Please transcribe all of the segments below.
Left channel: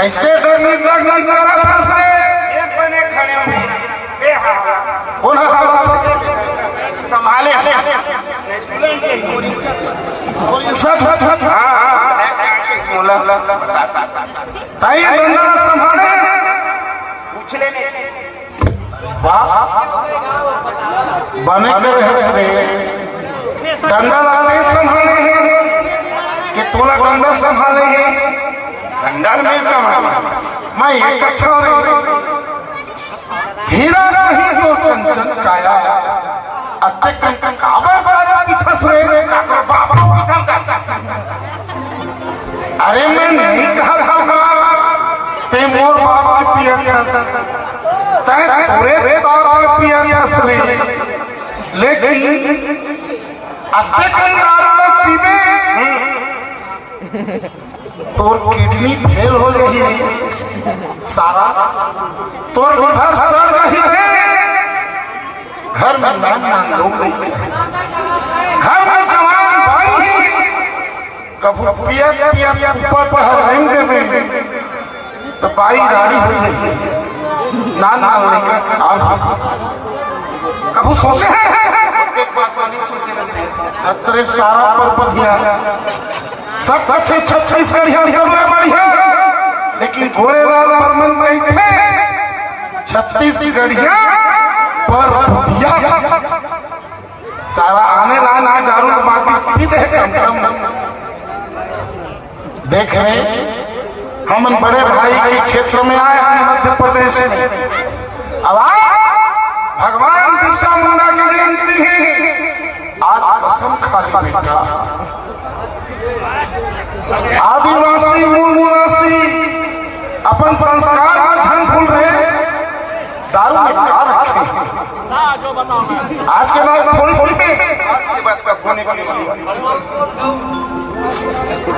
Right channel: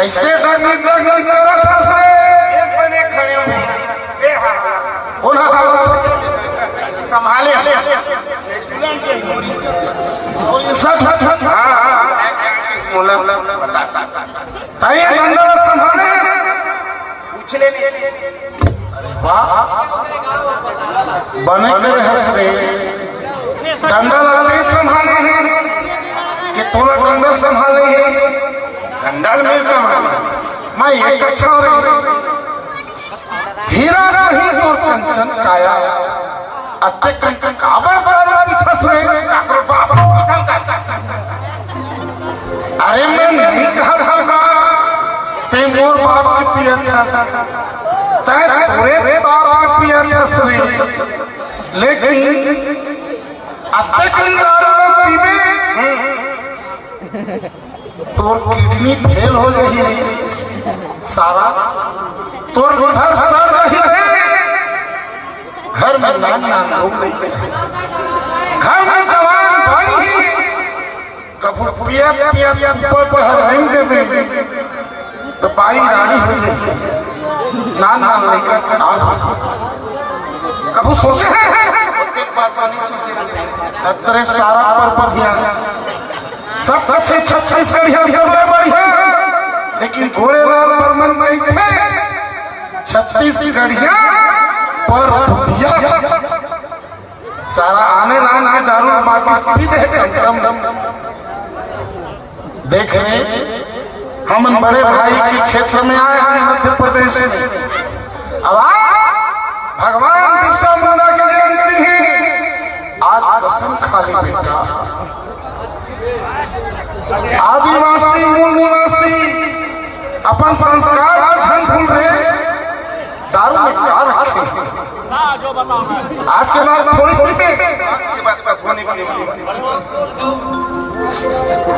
कैसे डरने लग रहा था से एक बने खड़े हुए ए हाँ कौन संभाले ताई बंदर संभाले पूछ ले बने के रहे से डंडा लगा संभाले कि तोला डंडा संभाले अंडर में संभाले मैं एक अच्छा हीरा नहीं तो कंचन काया अत्ते कंचन काबे बारे पिछस रे काकर बाबा अरे मैं नहीं कहा रहा ते मोर बाप के पिया था ते तोरे बाप के पिया था रे लेकिन अत्ते कंचन पीबे तोर किडनी फेल हो रही सारा तोर घर सड़ रही है घर में नाम लोग घर में जवान भाई कभी पिया पिया ऊपर पर रहेंगे तो बाई रानी हो जाएगी नान कभी सोचे तेरे सारा पर बढ़िया सब अच्छे छठे बढ़िया लेकिन गोरेलाल बर्मन में थे 36 गढ़िया पर दिया सारा आने लाना दारू बाकी देख रहे हम बड़े भाई के क्षेत्र में आए हैं मध्य प्रदेश में अब भगवान बिरसा मुंडा की जयंती है आज कसम खा ले बेटा आदिवासी मूल निवासी अपन संस्कार का क्षण भूल रहे दारू में क्या रखे जो बताओ आज के बाद थोड़ी थोड़ी पे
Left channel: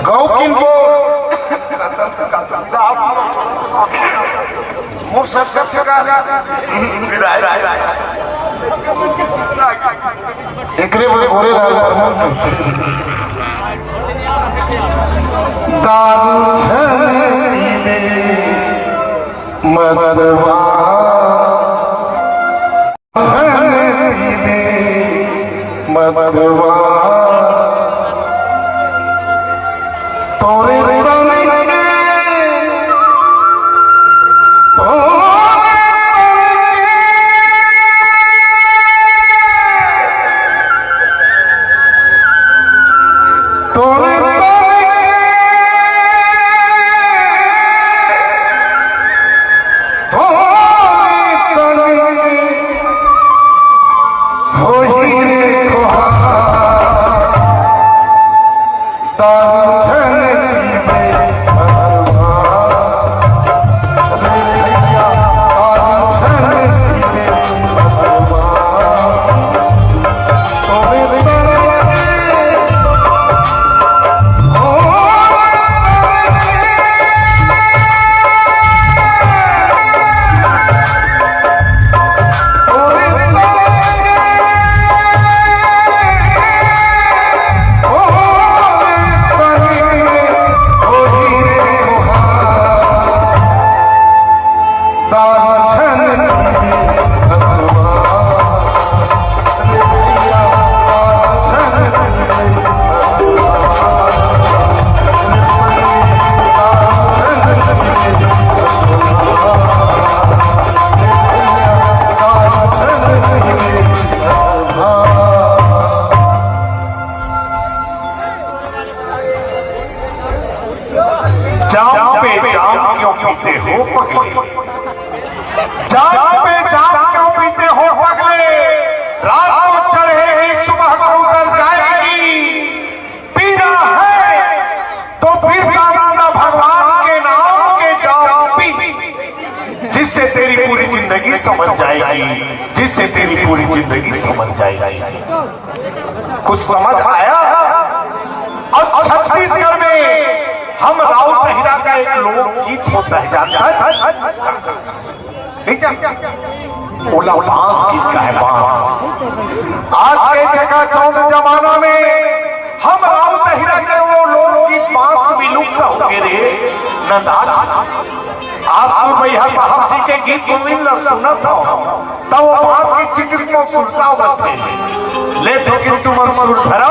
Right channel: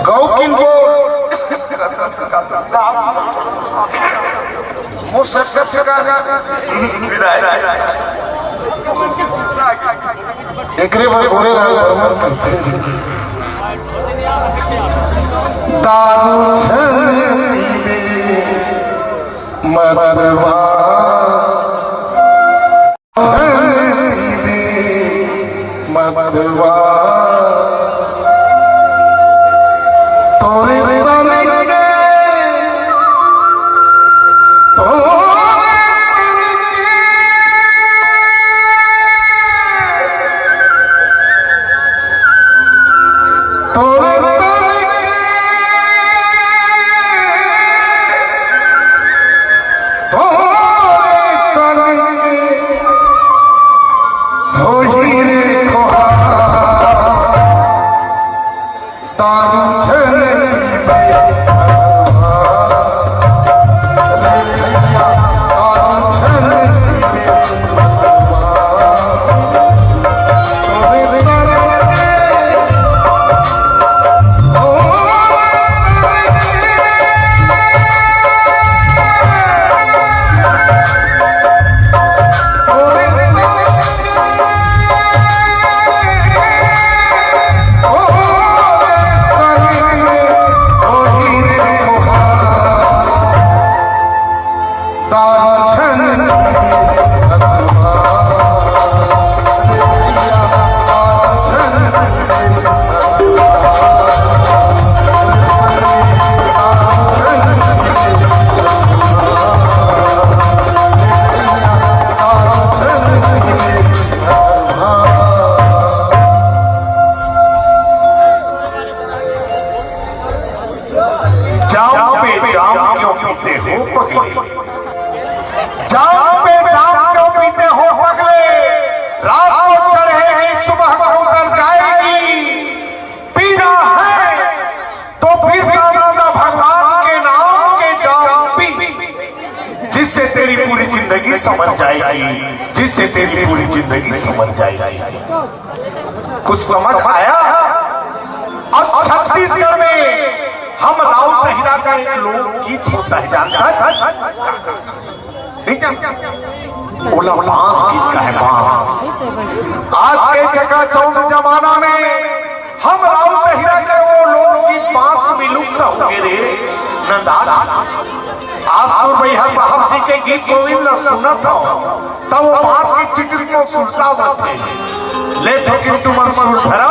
गौ किंग को मोर सच एकरे बोरे दारू मदवा मदवा तोरे जिससे तेरी पूरी जिंदगी समझ जाएगी, जिससे तेरी पूरी जिंदगी समझ जाएगी। कुछ समझ आया? अब छत्तीसगढ़ में हम राउत हीरा का एक लोकगीत होता है, जानता है? बोला बांस गीत का है, बांस। आज के जगह चौक जमाना में हम राउत हीरा का वो लोकगीत बांस विलुप्त हो गए रे। नंदाल आज सुर भैया साहब जी के गीत गोविंद न सुना था तब वो बात की चिटिक में सुरता हुआ थे ले तो किंतु मन सुर धरा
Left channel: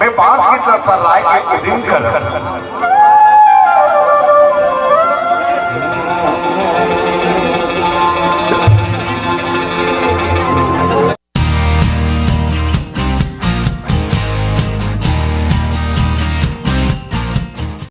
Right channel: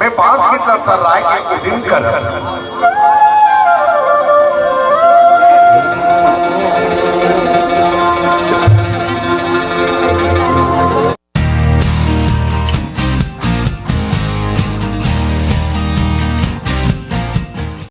मैं बांस कितना सर लाए के दिन कर